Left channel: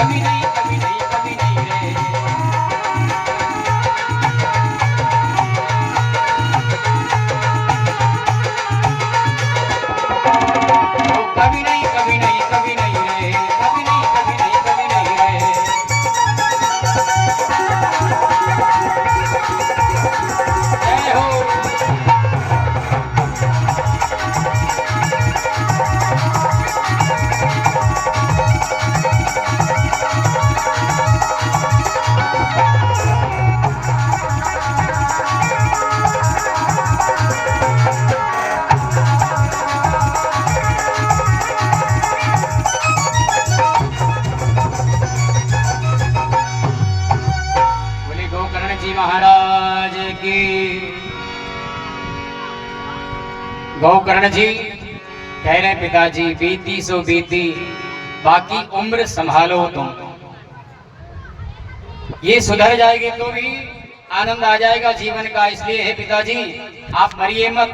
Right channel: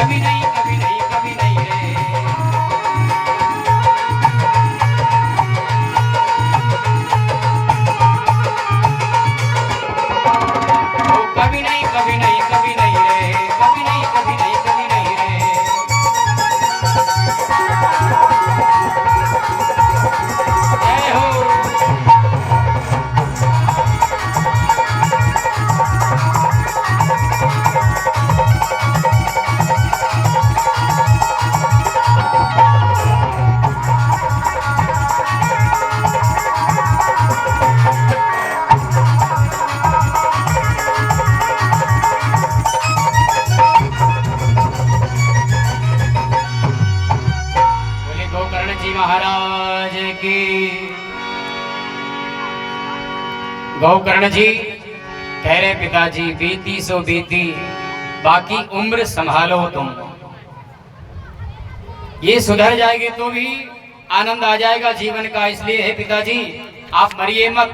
कभी नहीं कभी नहीं कभी नहीं रे। ओ कभी नहीं कभी नहीं कभी नहीं रे, कभी नहीं कभी नहीं कभी नहीं रे। जय हो। महाराज की। गोकर्ण जी कह रहे पिताजी बीती सो बीती, बाकी उम्र संभालो तुम। ये सुधर जाएगी तो भी आनंद आ जाएगा जीवन का, इसलिए हे पिताजी आप मरिए मत।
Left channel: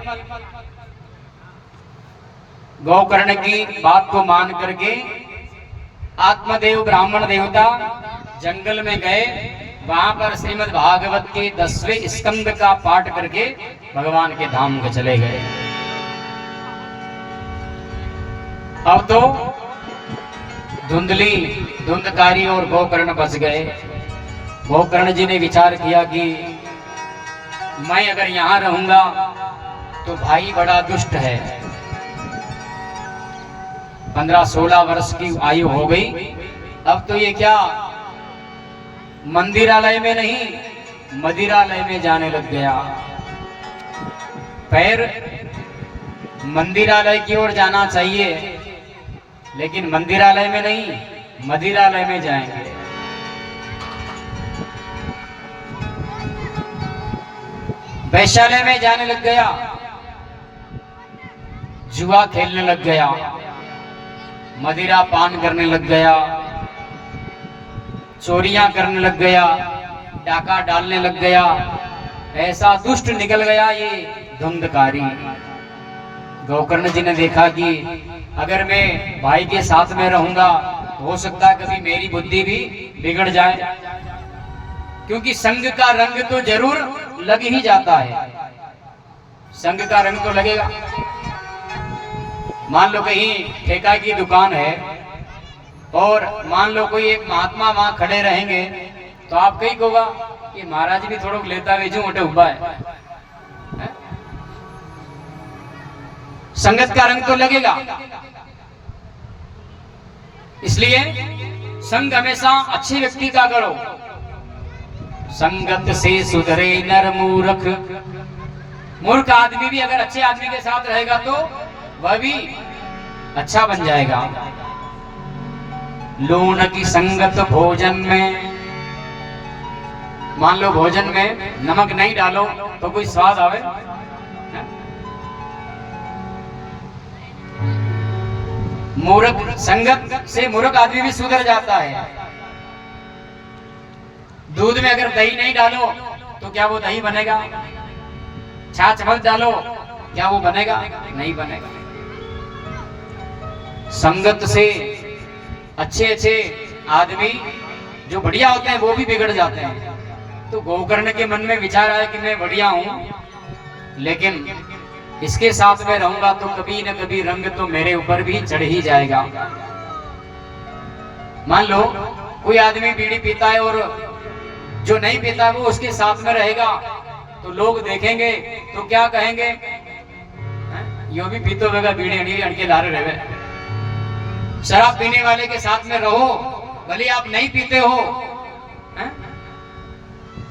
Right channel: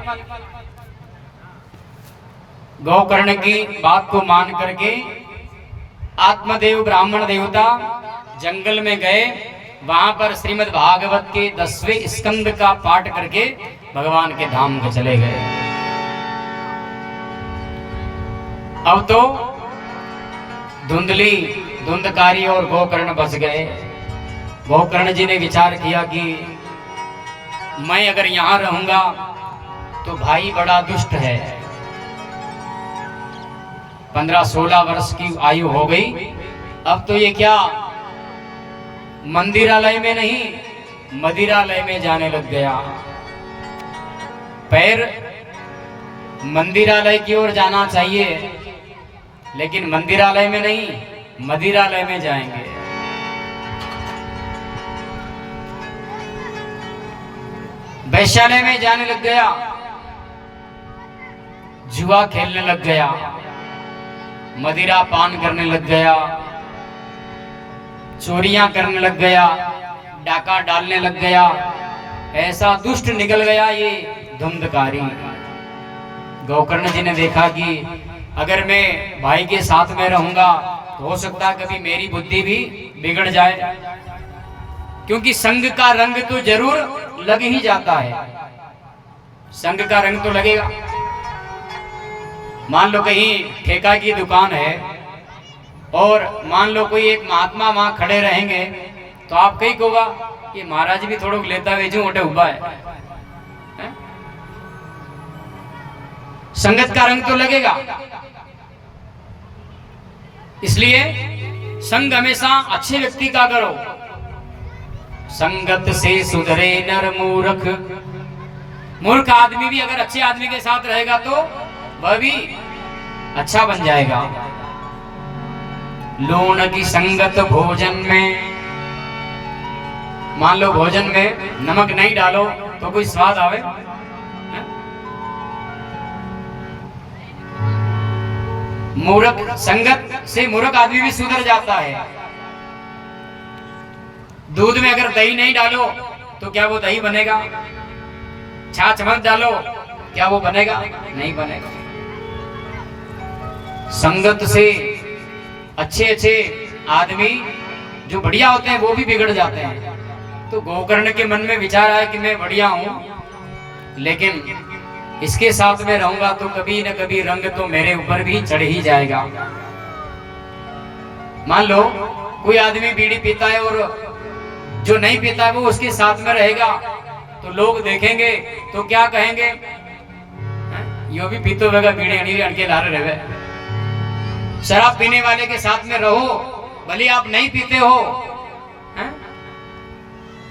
गोकर्ण की बात को मान करके आत्मदेव ब्राह्मण देवता जंगल में गए। वहां पर श्रीमद् भागवत के 10वें स्कंद का पाठ करके भगवान के धाम को चले गए। अब तो धुंधकारी और गोकर्ण बच गए। गोकर्ण जी ने विचार किया कि मैं अगर यहां रहूंगा तो भाई बड़ा दुष्ट है। 15-16 वर्ष की आयु हो गई। अब तो ये क्या मंदिरालय में नहीं मदिरालय में जाने लग गया। पैर मंदिरालय की ओर जाना चाहिए, लेकिन मंदिरालय में नहीं मदिरालय में जाएंगे। वैश्यालय में जाने लग गया, जुआ खेलने लग गया, मदिरा पान करने लग गया, चोरियां करने लग गया, डाका डालने लग गया। ऐसा दुष्ट निकल गया ये धुंधकारी। गोकर्ण जी ने देखा कि अगर मैं भाई के साथ में रहूंगा तो हो सकता है कभी मेरी बुद्धि भी बिगड़ जाए, क्योंकि संग का रंग तो जरूर लग ही जाता है। संग का रंग तो लगेगा। मान लो कहीं ठेका की दुकान है और मान लो कोई एक महात्मा वहां खड़े रहेंगे, तो आप कहीं होगा ये महाराज भी थोड़ा लेता वेचू उठे उबा है? संगत का रंग तो लगेगा। इसलिए संग हमेशा अच्छे व्यक्ति का करो। संगत से सुधरे नर मूर्ख। मूर्ख आदमी भी अगर अच्छे आदमी के साथ रहेगा तो वह भी अच्छा बन जाएगा। लूण की संगत भोजन में। मान लो भोजन में नमक नहीं डालो तो कोई स्वाद आवे? मूर्ख संगत से मूर्ख आदमी भी सुधर जाता है। दूध में अगर दही नहीं डालो तो क्या वो दही बनेगा? छाछ मत डालो, क्या वो बनेगा? नहीं बनेगा। संगत से अच्छे अच्छे आदमी जो बढ़िया होते हैं वो भी बिगड़ जाते हैं। तो गोकर्ण के मन में विचार आया कि मैं बढ़िया हूं, लेकिन इसके साथ में रहूंगा तो कभी न कभी रंग तो मेरे ऊपर भी चढ़ ही जाएगा। मान लो कोई आदमी बीड़ी पीता है और जो नहीं पीता है वो उसके साथ में रहेगा, तो लोग देखेंगे तो क्या कहेंगे? यो भी पीतो होगा बीड़ी अड़ी अड़के ला रहे। शराब पीने वाले के साथ में रहो, भले आप नहीं पीते हो,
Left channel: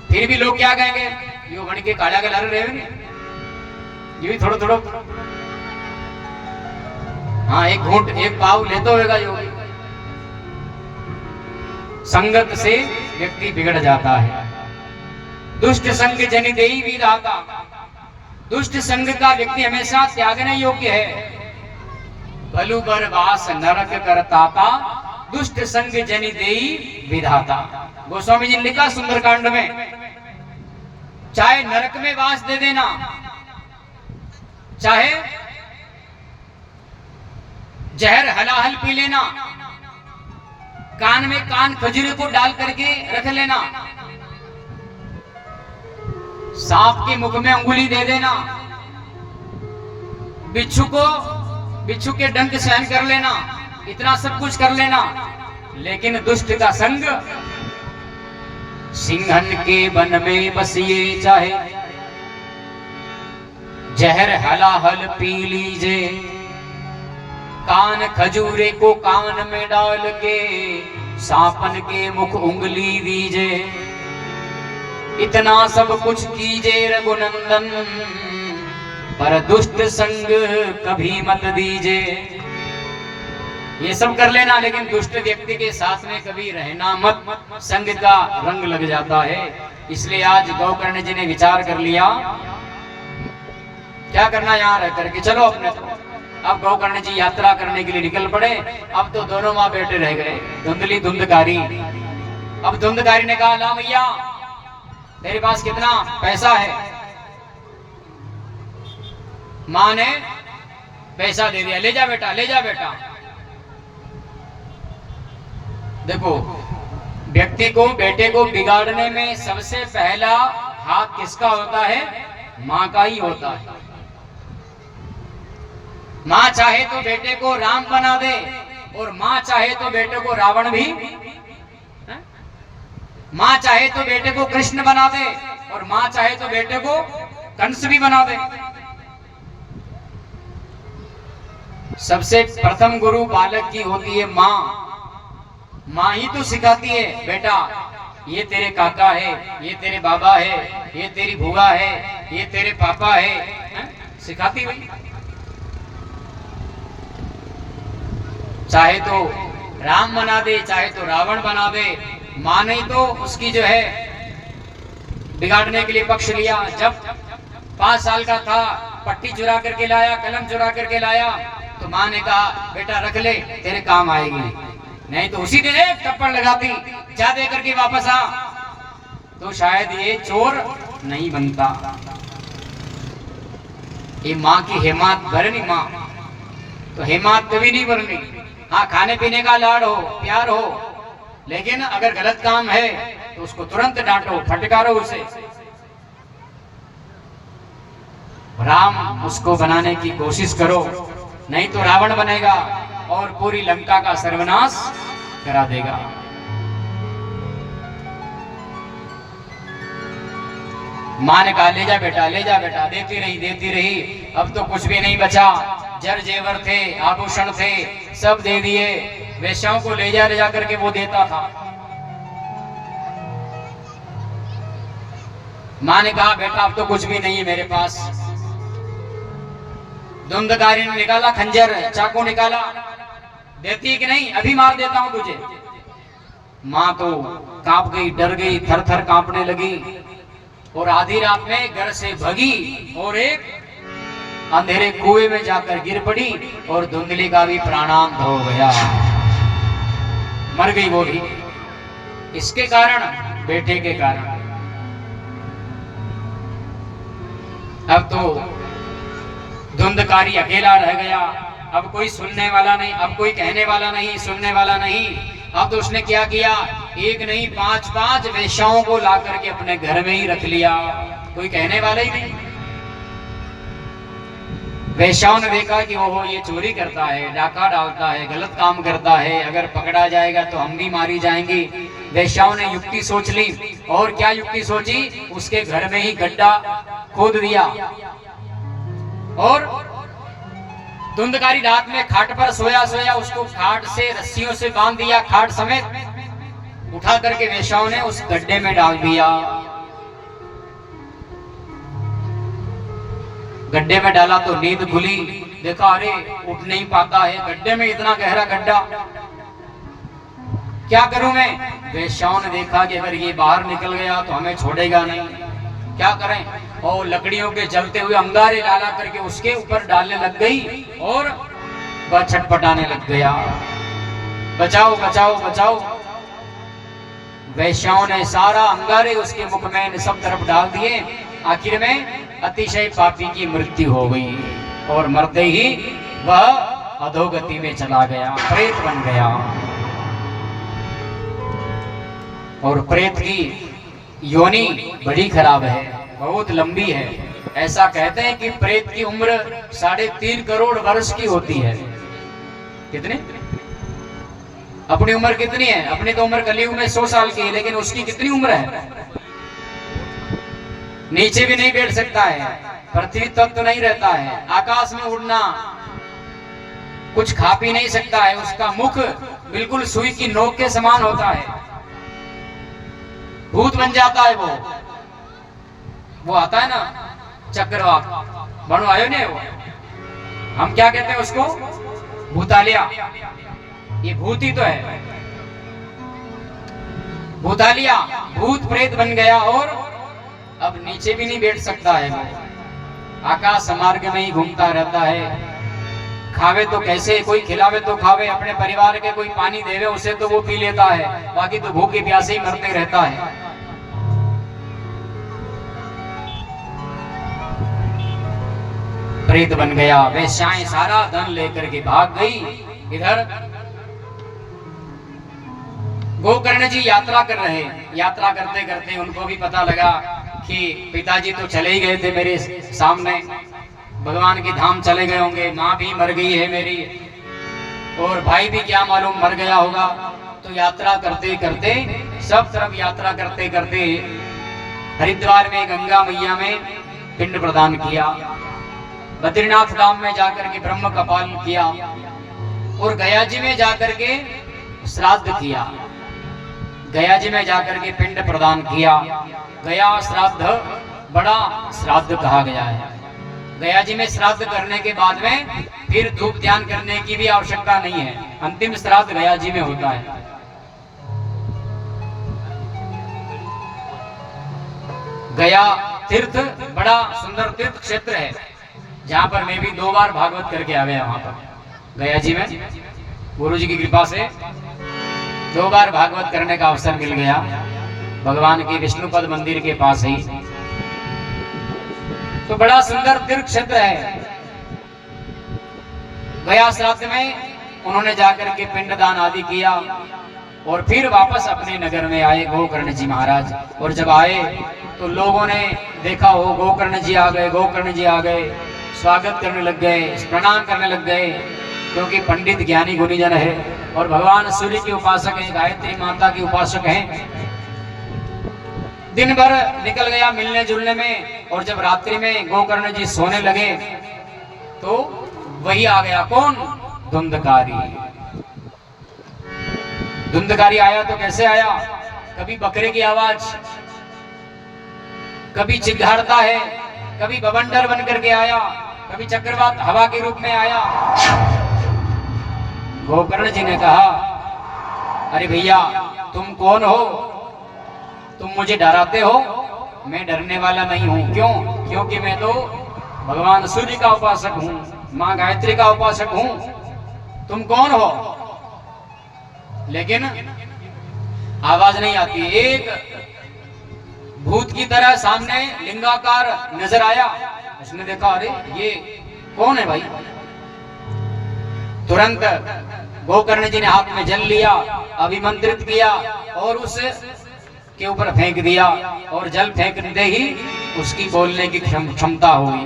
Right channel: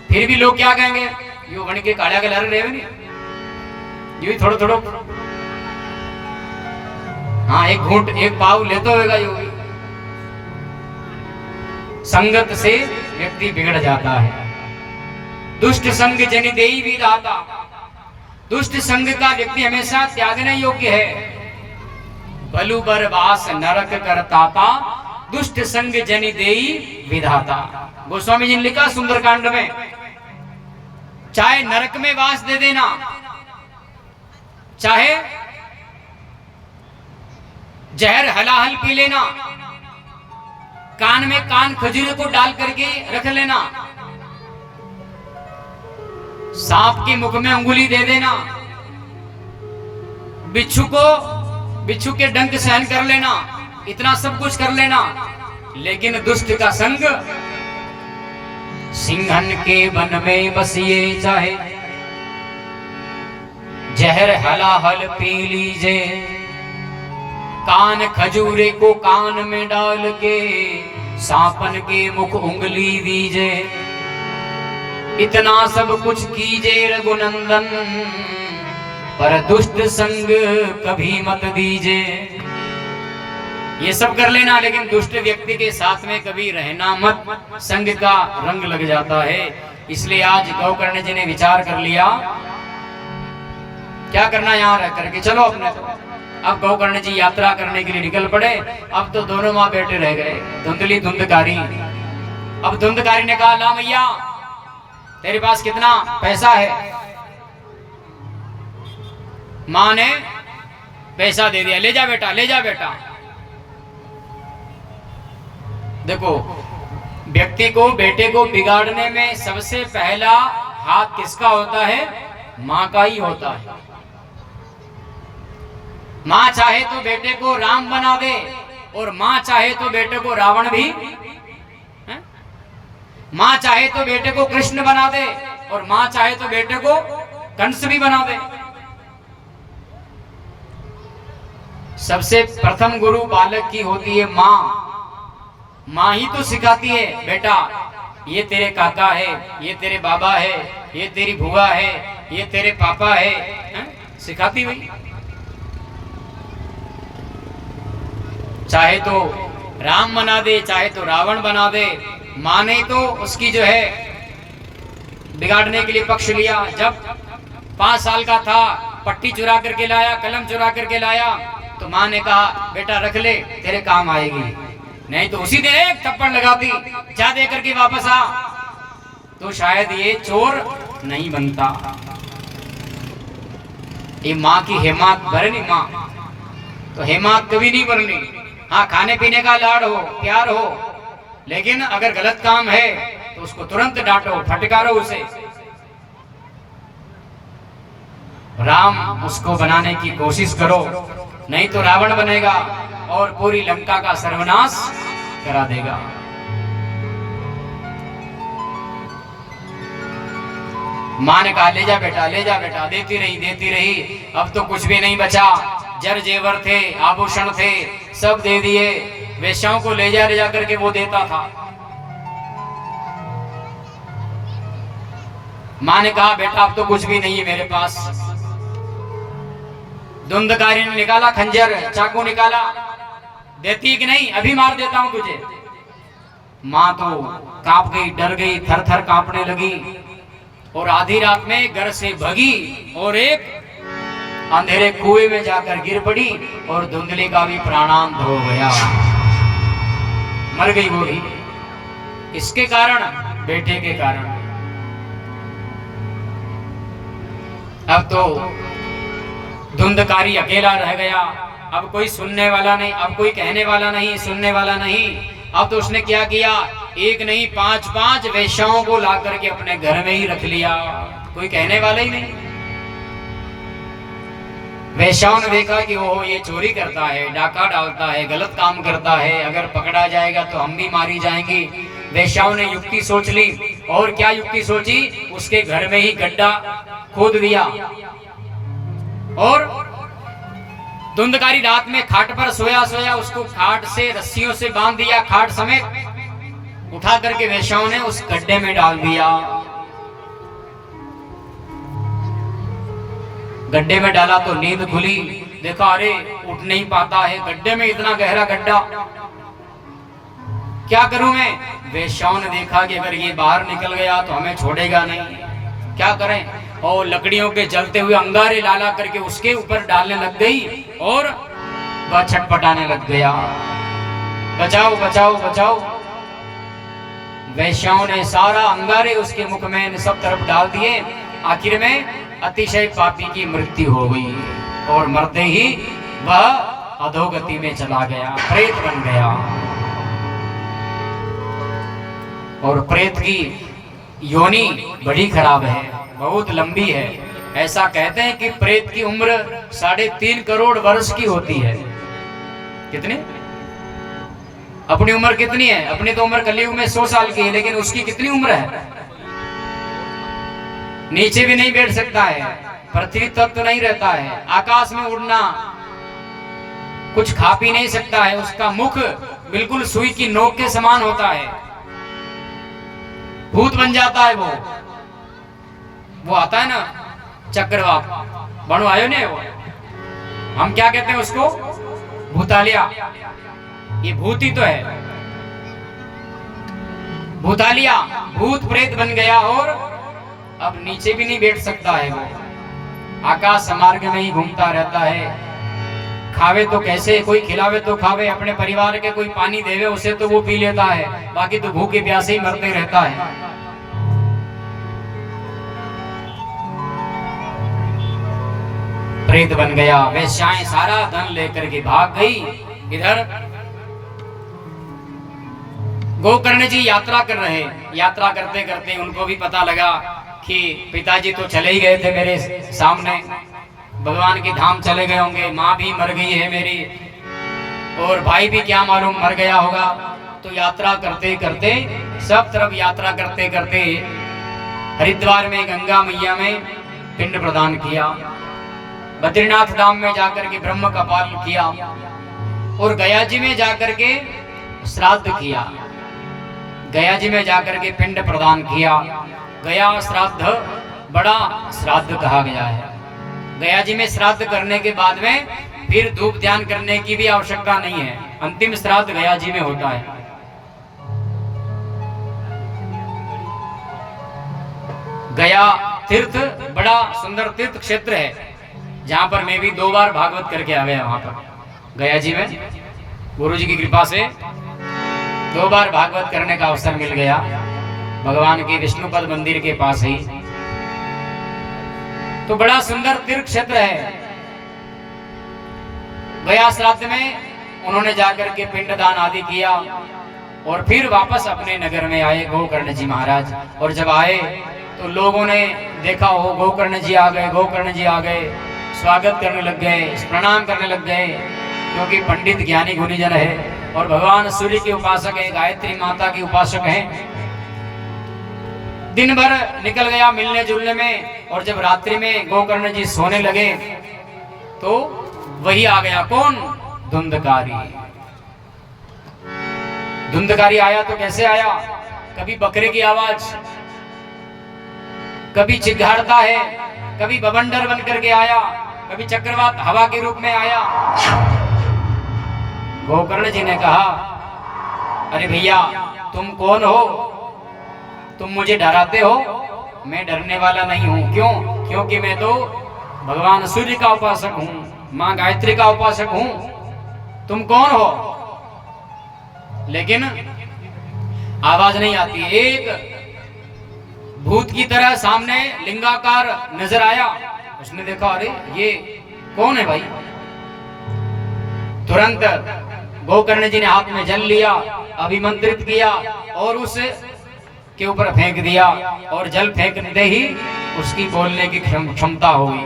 फिर भी लोग क्या कहेंगे? यो बन के काढ़ा के ला रहे नहीं, ये भी थोड़ा थोड़ा हाँ एक घूंट एक पाव लेते होगा। जो संगत से व्यक्ति बिगड़ जाता है। दुष्ट संग जनि देई विधाता। दुष्ट संग का व्यक्ति हमेशा त्यागने योग्य है। बलु बरवास नरक करताता, दुष्ट संग जनि देई विधाता। गोस्वामी जी ने लिखा सुंदरकांड में, चाहे नरक में वास दे देना, चाहे जहर हलाहल पी लेना, कान में कान खजूरे को डाल करके रख लेना, सांप के मुख में अंगुली दे देना, बिच्छू के डंक सहन कर लेना, इतना सब कुछ कर लेना, लेकिन दुष्ट का संग सिंहन के वन में बस ये चाहे जहर हलाहल पी लीजे, कान खजूरे को कान में डाल के सांपन के मुख उंगली दीजे, इतना सब कुछ कीजे रघुनंदन, पर दुष्ट संग कभी मत दीजे। ये सब कर लेना, लेकिन दुष्ट व्यक्ति के साथ में कभी रहना मत, संग का रंग लग जाता है। इसलिए आज गौकर्ण जी ने विचार कर लिया क्या करना यहाँ रह करके, चलो अपने तो। अब गौकर्ण जी यात्रा करने के लिए निकल पड़े। अब तो दोनों माँ बेटे रह गए, धुंधली धुंधकारी। अब धुंधकारी ने कहा, ला मैया तेरे पास कितना पैसा है? माँ ने पैसा दे दिया, ले जा बेटा, ले जा बेटा। देखो, व्यक्ति को, बेटे को बिगाड़ने में सबसे पहला हाथ किसका होता है? माँ का ही होता है। माँ चाहे तो बेटे को राम बना दे, और माँ चाहे तो बेटे को रावण भी, माँ चाहे तो बेटे को कृष्ण बना दे, और माँ चाहे तो बेटे को कंस भी बना दे। सबसे प्रथम गुरु बालक की होती है माँ। माँ ही तो सिखाती है, बेटा ये तेरे काका है, ये तेरे बाबा है, ये तेरी बुआ है, ये तेरे पापा है, सिखाती भाई। चाहे तो राम बना दे, चाहे तो रावण बना दे, माँ ने तो उसकी जो है बिगाड़ने के लिए पक्ष लिया। जब 5 साल का था, पट्टी चुरा करके लाया, कलम चुरा करके लाया, तो माँ ने कहा, बेटा रख ले, तेरे काम आएगी। नहीं तो उसी दिन एक थप्पड़ लगाती, जा दे करके वापस आ, तो शायद ये चोर नहीं बनता। ये माँ की हिम्मत भरनी, माँ तो हिम्मत कभी नहीं भरनी। हाँ, खाने पीने का लाड़ हो, प्यार हो, लेकिन अगर गलत काम है तो उसको तुरंत डांटो, फटकारो उसे। राम उसको बनाने की कोशिश करो, नहीं तो रावण बनेगा और पूरी लंका का सर्वनाश करा देगा। माँ ने कहा, ले जा बेटा, ले जा बेटा। देती रही, देती रही। अब तो कुछ भी नहीं बचा। जर जेवर थे, आभूषण थे, सब दे दिए। वेश्याओं को ले जा करके वो देता था। माँ ने कहा, बेटा अब तो कुछ भी नहीं है मेरे पास। धुंधकारी ने निकाला खंजर, चाकू निकाला, देती कि नहीं, अभी मार देता हूं तुझे। माँ तो कांप गई, डर गई, थर थर कांपने लगी, और आधी रात में घर से भगी और एक अंधेरे कुएं में जाकर गिर पड़ी, और धुंधली का भी प्राणांत हो गया, मर गई वो भी। इसके कारण, बेटे के कारण। अब तो धुंधकारी अकेला रह गया। अब कोई सुनने वाला नहीं, अब कोई कहने वाला नहीं, सुनने वाला नहीं। अब तो उसने क्या किया, एक नहीं 5-5 वेश्याओं को ला करके अपने घर में ही रख लिया, कोई कहने वाला ही नहीं। वेश्याओं ने देखा कि ओहो ये चोरी करता है, डाका डालता है, गलत काम करता है, अगर पकड़ा जाएगा तो हम भी मारी जाएंगी। वेश्याओं ने युक्ति सोच ली, और क्या युक्ति सोची, उसके घर में ही गड्ढा खोद दिया, और धुंधकारी रात में खाट पर सोया उसको खाट से रस्सियों से बांध दिया, खाट समेत उठा करके वेश्याओं ने उस गड्ढे में डाल दिया। गड्ढे में डाला तो नींद खुली, देखा अरे उठ नहीं पाता है, गड्ढे में इतना गहरा गड्ढा, क्या करूं मैं। वेश्याओं ने देखा कि अगर ये बाहर निकल गया तो हमें छोड़ेगा नहीं, क्या करें। और लकड़ियों के जलते हुए अंगारे लाला करके उसके ऊपर डालने लग गई, और वह छटपटाने लग गया, बचाओ बचाओ बचाओ। वेश्याओं ने सारा अंगारे उसके मुख में सब तरफ डाल दिए। आखिर में अतिशय पापी की मृत्यु हो गई, और मरते ही वह अधोगति में चला गया, प्रेत बन गया। और प्रेत की योनि बड़ी खराब है, बहुत लंबी है। ऐसा कहते हैं कि प्रेत की उम्र 3.5 करोड़ वर्ष की होती है। कितनी? अपनी उम्र कितनी है? अपनी तो उम्र कलयुग में 100 साल की है, लेकिन उसकी कितनी उम्र है? नीचे भी नहीं बैठ सकता है, पृथ्वी तक तो नहीं रहता है, आकाश में उड़ना, कुछ खा पी नहीं सकता है। उसका मुख बिल्कुल सुई की नोक के समान होता है, भूत बन जाता है वो आता है ना चक्रवात, बनो आयो ने वो, हम क्या कहते हैं उसको? भूतालिया। ये भूत ही तो है, भूतालिया, भूत प्रेत बन गया और अब नीचे भी नहीं बैठ सकता है। वो आकाश मार्ग में ही घूमता रहता है। खावे तो कैसे, कोई खिलावे तो खावे, अपने परिवार के कोई पानी देवे उसे तो वो पी लेता है, बाकी तो भूखे प्यासे ही मरते रहता है। प्रेत बन गया। वेश्याएं सारा धन लेकर के भाग गई। इधर गोकर्ण जी यात्रा कर रहे, यात्रा करते करते उनको भी पता लगा कि पिताजी तो चले ही गए थे मेरे सामने, भगवान के धाम चले गए होंगे, माँ भी मर गई है मेरी, और भाई भी क्या मालूम मर गया होगा। तो यात्रा करते करते, सब तरफ यात्रा करते करते हरिद्वार में गंगा मैया में पिंड प्रदान किया, बद्रीनाथ धाम में जाकर के ब्रह्म का पालन किया, और गया जी में जाकर के श्राद्ध किया। गया जी में जाकर के पिंड प्रदान किया। गया श्राद्ध बड़ा श्राद्ध कहा गया है। गया जी में श्राद्ध करने के बाद में फिर धूप ध्यान करने की भी आवश्यकता नहीं है, अंतिम श्राद्ध गया जी में होता है। गया तीर्थ बड़ा सुंदर तीर्थ क्षेत्र है, जहां पर मैं भी 2 बार भागवत करके आ गया। वहां पर गया जी में गुरु जी की कृपा से 2 बार भागवत करने का अवसर मिल गया, भगवान के विष्णुपद मंदिर के पास ही। तो बड़ा सुंदर तीर्थ क्षेत्र है। गया श्राद्ध में उन्होंने जाकर के पिंडदान आदि किया और फिर वापस अपने नगर में आए गोकर्ण जी महाराज। और जब आए तो लोगों ने देखा हो गोकर्ण जी आ गए, गोकर्ण जी आ गए, स्वागत करने लग गए, प्रणाम करने लग गए, क्योंकि पंडित ज्ञानी गुणीजन है और भगवान सूर्य के उपासक है, गायत्री माता की उपासक हैं। दिन भर निकल गया मिलने जुलने में, और जब रात्रि में गोकर्ण जी सोने लगे तो वही आ गया। कौन? धुंधकारी। धुंधकारी आया तो कैसे आया? कभी बकरे की आवाज, कभी चिघाड़ता है, कभी बवंडर बन करके आया, कभी चक्रवात हवा के रूप में आया। गोकर्ण जी ने कहा, अरे भैया तुम कौन हो? तुम मुझे डराते हो? मैं डरने वाला नहीं हूं। क्यों? क्योंकि मैं तो भगवान सूर्य का उपासक हूं, मां गायत्री का उपासक हूं। तुम कौन हो? लेकिन आवाज नहीं आती। एक भूत की तरह सामने लिंगाकार नजर आया। उसने देखा, अरे ये कौन है भाई? तुरंत गोकर्ण जी ने हाथ में जल लिया, अभिमंत्रित किया और उस के ऊपर फेंक दिया, और जल फेंकते ही उसकी बोलने की क्षमता हो गई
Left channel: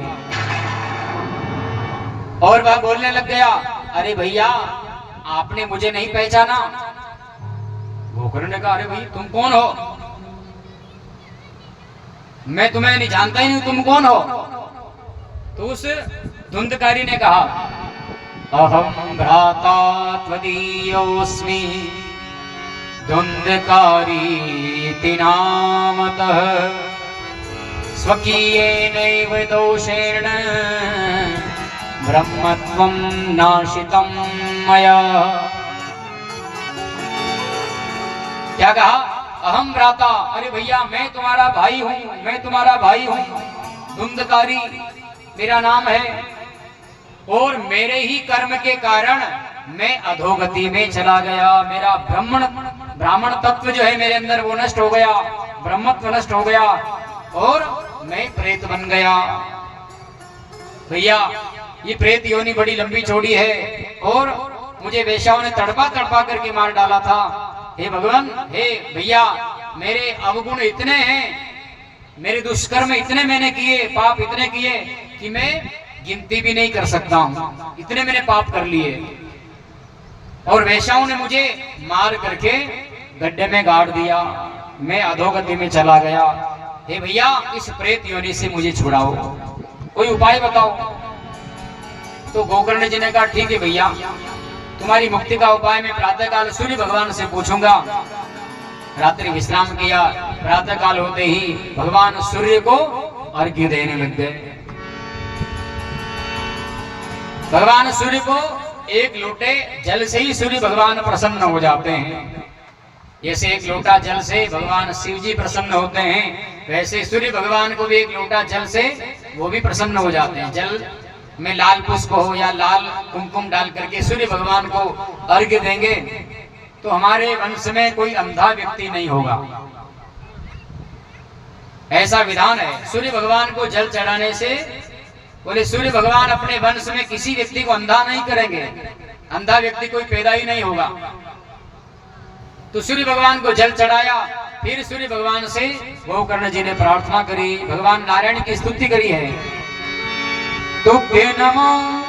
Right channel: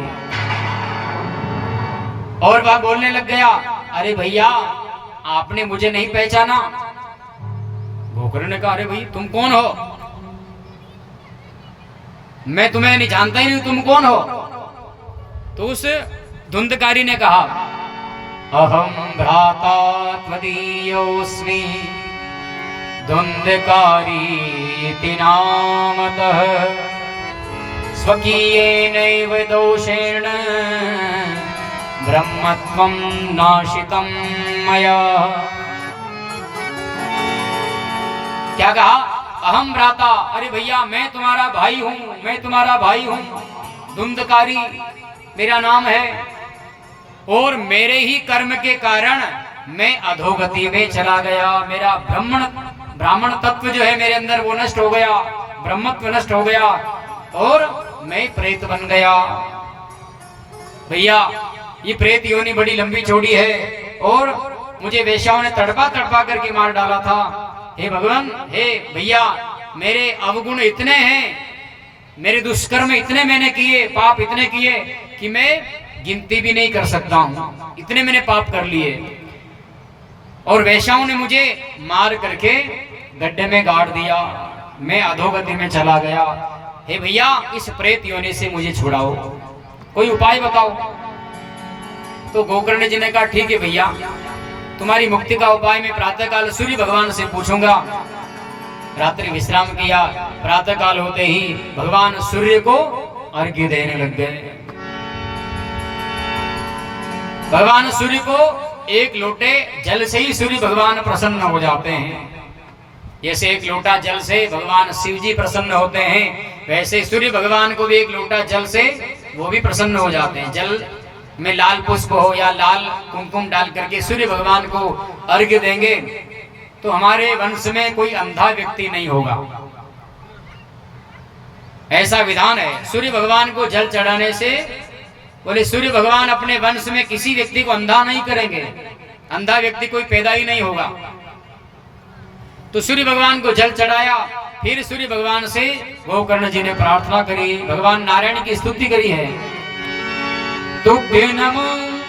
और वह बोलने लग गया। अरे भैया आपने मुझे नहीं पहचाना? गोकर्ण ने कहा, अरे भाई तुम कौन हो? मैं तुम्हें नहीं जानता ही नहीं, तुम कौन हो? तो उस धुंधकारी ने कहा, अहम भ्राता त्वदीयोऽस्मि धुंधकारीति नामतः स्वकीयेनैव दोषेण ब्रह्मत्वं नाशितं मया। क्या कहा? अहम भ्राता, अरे भैया मैं तुम्हारा भाई हूं, मैं तुम्हारा भाई हूं, धुंधकारी मेरा नाम है, और मेरे ही कर्म के कारण मैं अधोगति में चला गया। मेरा ब्राह्मण तत्व जो है मेरे अंदर वो नष्ट हो गया, ब्रह्मत्व नष्ट हो गया और मैं प्रेत बन गया। भैया ये प्रेत योनि बड़ी लंबी चौड़ी है और मुझे वेश्याओं ने तड़पा तड़पा करके मार डाला था। हे भगवान, हे भैया मेरे अवगुण इतने हैं, मेरे दुष्कर्म इतने मैंने किए, पाप इतने किए कि मैं गिनती भी नहीं कर सकता हूं, इतने मैंने पाप कर लिए। और वैश्याओं ने मुझे मार करके गड्ढे में गाड़ दिया, मैं अधोगति में चला गया। हे भैया, इस प्रेत योनि से मुझे छुड़ाओ, कोई उपाय बताओ। तो गोकर्ण जी ने कहा ठीक है भैया, तुम्हारी मुक्ति का उपाय मैं प्रातःकाल सूर्य भगवान से पूछूंगा। रात्रि विश्राम किया, प्रातःकाल होते ही भगवान सूर्य को अर्घ्य देने लग गए। भगवान सूर्य को एक लोटे जल से ही सूर्य भगवान प्रसन्न हो जाते हैं। जैसे एक लोटा जल से भगवान शिव जी प्रसन्न होते हैं, वैसे सूर्य भगवान को भी एक लोटा जल से वो भी प्रसन्न हो जाते हैं। जल में लाल पुष्प हो या लाल कुमकुम डाल करके सूर्य भगवान को अर्घ्य देंगे तो हमारे वंश में कोई अंधा व्यक्ति नहीं होगा, ऐसा विधान है। सूर्य भगवान को जल चढ़ाने से बोले सूर्य भगवान अपने वंश में किसी व्यक्ति को अंधा नहीं करेंगे, अंधा व्यक्ति कोई पैदा ही नहीं होगा। तो सूर्य भगवान को जल चढ़ाया, फिर सूर्य भगवान से गोकर्ण जी ने प्रार्थना करी, भगवान नारायण की स्तुति करी है। तुभ्ये नमो,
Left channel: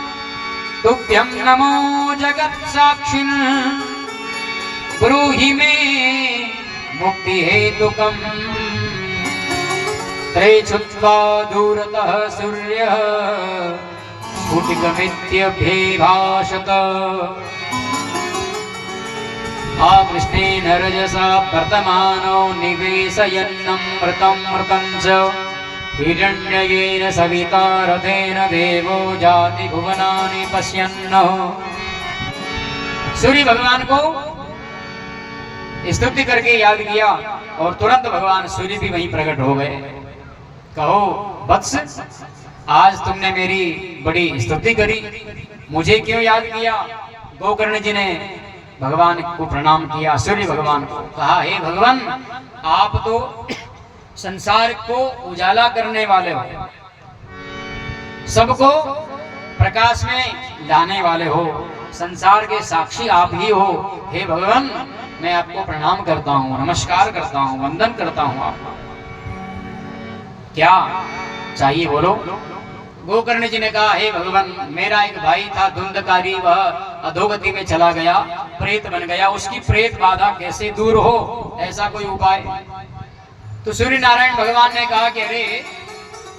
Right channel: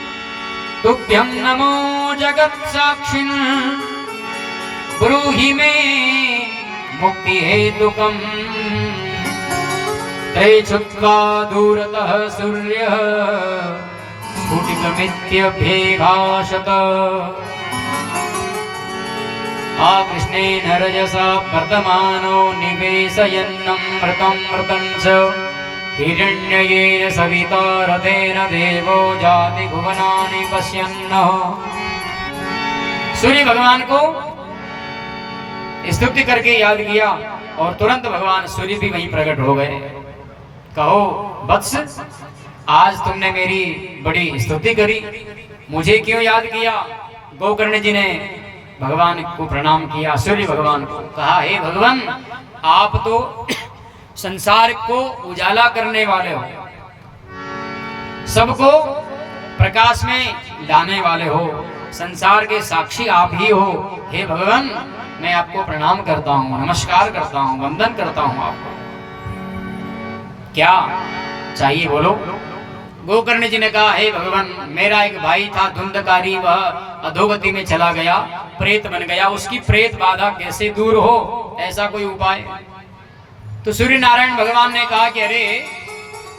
तुभ्यं नमो जगत साक्षिन्, ब्रूहि मे मुक्ति हेतुकम्। त्रय छुत्वा दूरतः सूर्यः स्फुटितमित्यभ्यभाषत। आकृष्णेन रजसा वर्तमानो निवेशयन्नमृतं च हिरण्ययेन सविता रथेन देवो जाति भुवनानि पश्यन्नः। सूर्य भगवान को स्तुति करके याद किया और तुरंत भगवान सूर्य भी वहीं प्रकट हो गए। कहो वत्स, आज तुमने मेरी बड़ी स्तुति करी, मुझे क्यों याद किया? गोकर्ण जी ने भगवान को प्रणाम किया, सूर्य भगवान को कहा, हे भगवान, आप तो संसार को उजाला करने वाले हो, सबको प्रकाश में लाने वाले हो, संसार के साक्षी आप ही हो। हे भगवान, मैं आपको प्रणाम करता हूँ, नमस्कार करता हूँ, वंदन करता हूँ आपको। क्या चाहिए बोलो? गोकर्ण जी ने कहा, हे भगवान, मेरा एक भाई था धुंधकारी, वह अधोगति में चला गया, प्रेत बन गया, उसकी प्रेत बाधा कैसे दूर हो, ऐसा कोई उपाय? तो सूर्य नारायण भगवान ने कहा कि अरे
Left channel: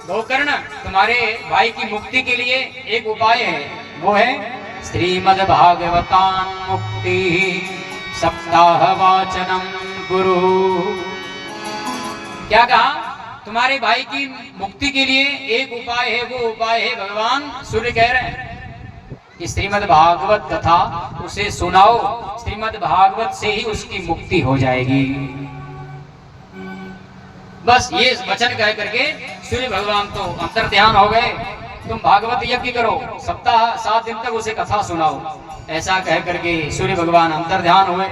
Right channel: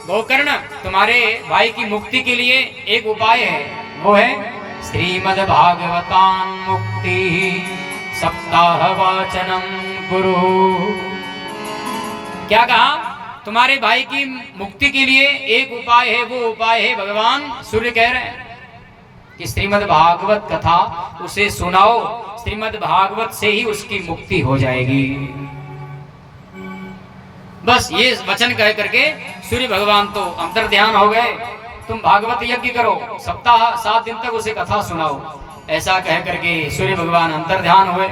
गोकर्ण, तुम्हारे भाई की मुक्ति के लिए एक उपाय है, वो है श्रीमद् भागवतान मुक्ति सप्ताह वाचनम गुरु। क्या कहा? तुम्हारे भाई की मुक्ति के लिए एक उपाय है, वो उपाय है भगवान सूर्य कह रहे हैं कि श्रीमद् भागवत कथा उसे सुनाओ, श्रीमद् भागवत से ही उसकी मुक्ति हो जाएगी। बस ये वचन कह करके सूर्य भगवान तो अंतर ध्यान हो गए। तुम भागवत यज्ञ करो, सप्ताह 7 दिन तक उसे कथा सुनाओ, ऐसा कह करके सूर्य भगवान अंतर ध्यान हुए।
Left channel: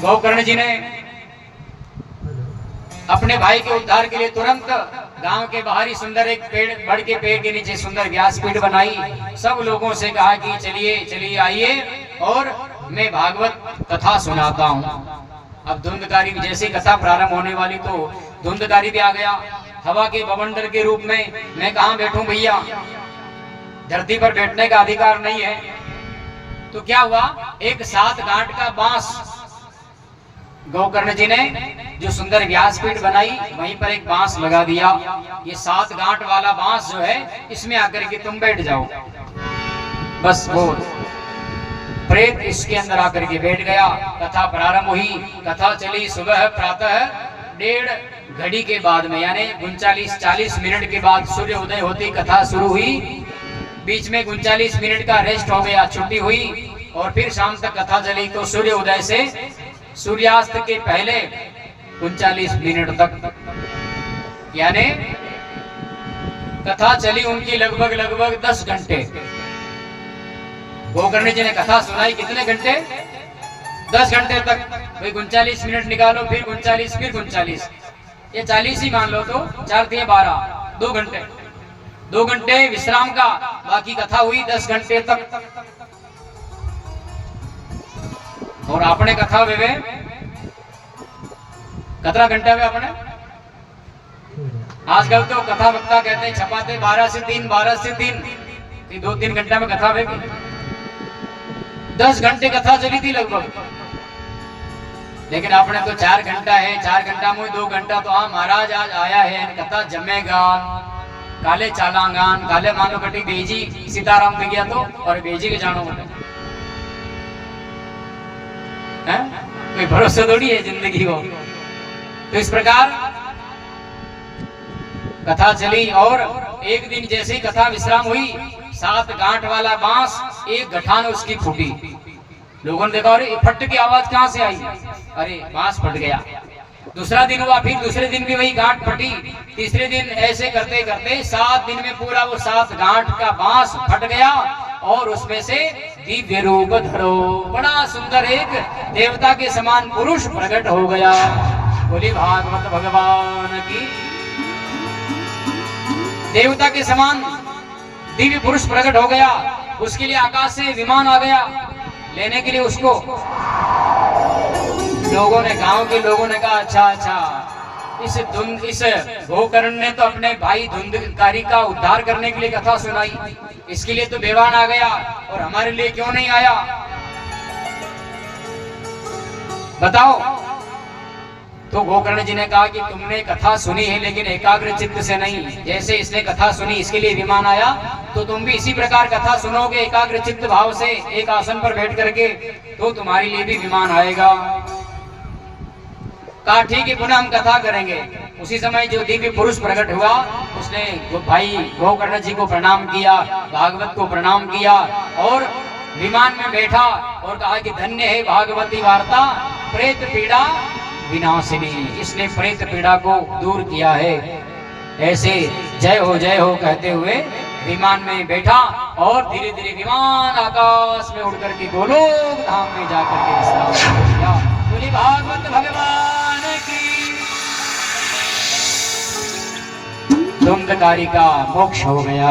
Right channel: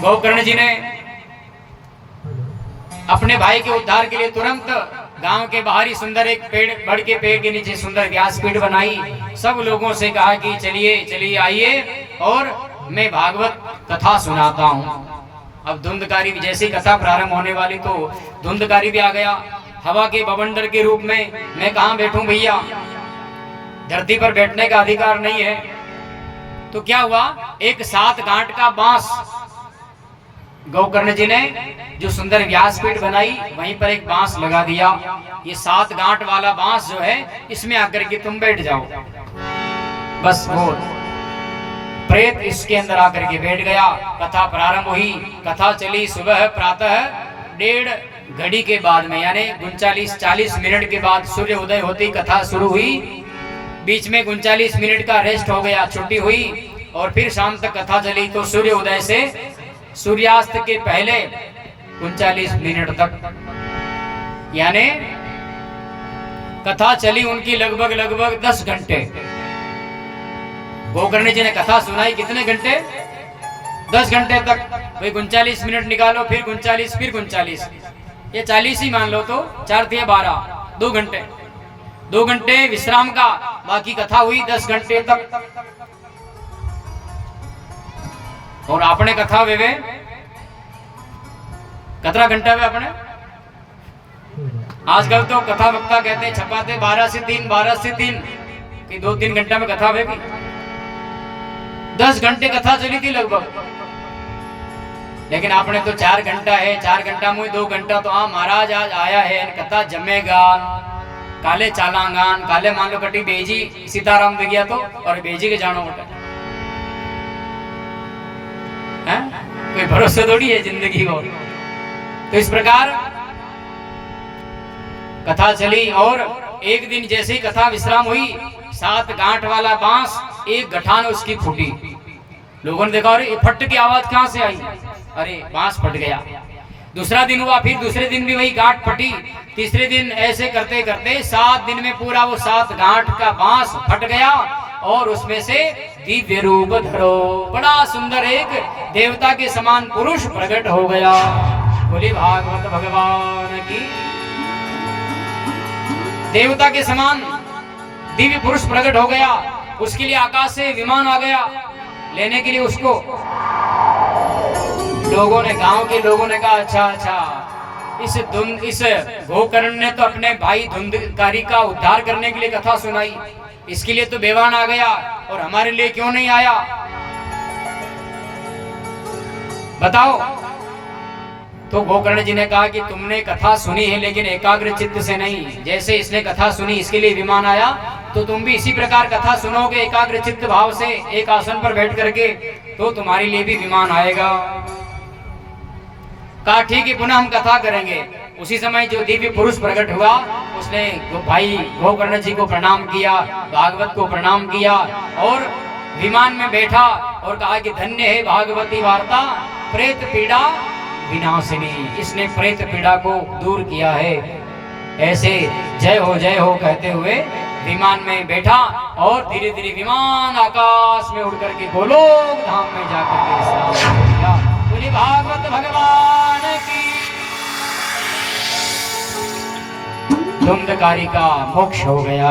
गोकर्ण जी ने अपने भाई के उद्धार के लिए तुरंत गांव के बाहर ही सुंदर एक पेड़, बड़ के पेड़ के नीचे सुंदर व्यासपीठ बनाई। सब लोगों से कहा कि चलिए चलिए आइए और मैं भागवत कथा सुनाता हूँ। अब धुंधकारी जैसी कथा प्रारंभ होने वाली तो धुंधकारी भी आ गया हवा के बवंडर के रूप में। मैं कहाँ बैठूं भैया, धरती पर बैठने का अधिकार नहीं है। तो क्या हुआ, एक 7 गांठ का बांस गोकर्ण जी ने जो सुंदर व्यासपीठ बनाई, वहीं पर एक बांस लगा दिया। ये 7 गांठ वाला बांस जो है, इसमें आकर के तुम बैठ जाओ। बस वो प्रेत इसके अंदर आकर के बैठ गया। कथा प्रारंभ हुई, कथा चली सुबह प्रातः 1.5 घड़ी के बाद में, यानी 39-40 मिनट के बाद सूर्य उदय होती कथा शुरू हुई। बीच में 39 मिनट का रेस्ट हो गया, छुट्टी हुई और फिर शाम तक कथा चली। तो सूर्य उदय से सूर्यास्त के पहले 39 मिनट तक, यानी कथा चली उनकी लगभग 10 घंटे। गोकर्ण जी ने कथा सुनाई कितने घंटे? 10 घंटे तक। भाई 39 मिनट निकालो, फिर 39, फिर 39, ये 40 ही मान लो, तो 4 × 12, 2 घंटे। 2 घंटे विश्राम का, बाकी कथा हुई 10 घंटे तक। और आपने कथा वेवे कतरा घंटा में अपने आजकल तो कथा वक्ता कहते हैं छपाते 12 से 3 कि 2-3 घंटा में कथा होगी। 10 घंटे कथा चली थी लगभग, लेकिन आपने तो 4 घंटा है, 4 घंटा में 2 घंटा तो महाराज आज आया है कथा जमेगा काले चालांगान काले मान लो कटी बेजी सीताराम दे गया तो और बेजी के जानो बटे हैं, कोई भरोसा थोड़ी है जिंदगी को। तो इस प्रकार कथा चली और एक दिन जैसे ही कथा विश्राम हुई 7 गांठ वाला बांस एक गठान उसकी फूटी। लोगों ने देखा अरे फट की आवाज कहां से आई, अरे बांस फट गया। दूसरा दिन हुआ, फिर दूसरे दिन भी वही गांठ फटी। तीसरे दिन ऐसे करते करते 7 दिन में पूरा वो 7 गांठ का बांस फट गया और उसमें से दिव्य रूप धरो बड़ा सुंदर एक देवता के समान पुरुष प्रकट हो गया। बोली भागवत भगवान की। देवता के समान दिव्य पुरुष प्रकट हो गया। उसके लिए आकाश से विमान आ गया लेने के लिए उसको। लोगों ने, गांव के लोगों ने कहा अच्छा इस गोकर्ण ने तो अपने भाई धुंधकारी का उद्धार करने के लिए कथा सुनाई, इसके लिए तो बेवान आ गया और हमारे लिए क्यों नहीं आया बताओ। तो गोकर्ण जी ने कहा कि तुमने कथा सुनी है लेकिन एकाग्र चित्त से नहीं। जैसे इसने कथा सुनी इसके लिए विमान आया तो तुम भी इसी प्रकार कथा सुनोगे एकाग्र चित्त भाव से एक आसन पर बैठ करके, तो तुम्हारे लिए भी विमान आएगा। कहा ठीक है पुनः हम कथा करेंगे। उसी समय जो दिव्य पुरुष प्रकट हुआ उसने भाई गोकर्ण जी को प्रणाम किया, भागवत को प्रणाम किया और विमान में बैठा और कहा कि धन्य है भागवती वार्ता प्रेत पीड़ा विनाशिनी। इसने प्रेत पीड़ा को दूर किया है। ऐसे जय हो कहते हुए विमान में बैठा और धीरे धीरे विमान आकाश में उड़ करके गोलोक धाम में जाकर के विश्राम हो गया। बोली भागवत भगवान की। धुंधकारी का मोक्ष हो गया।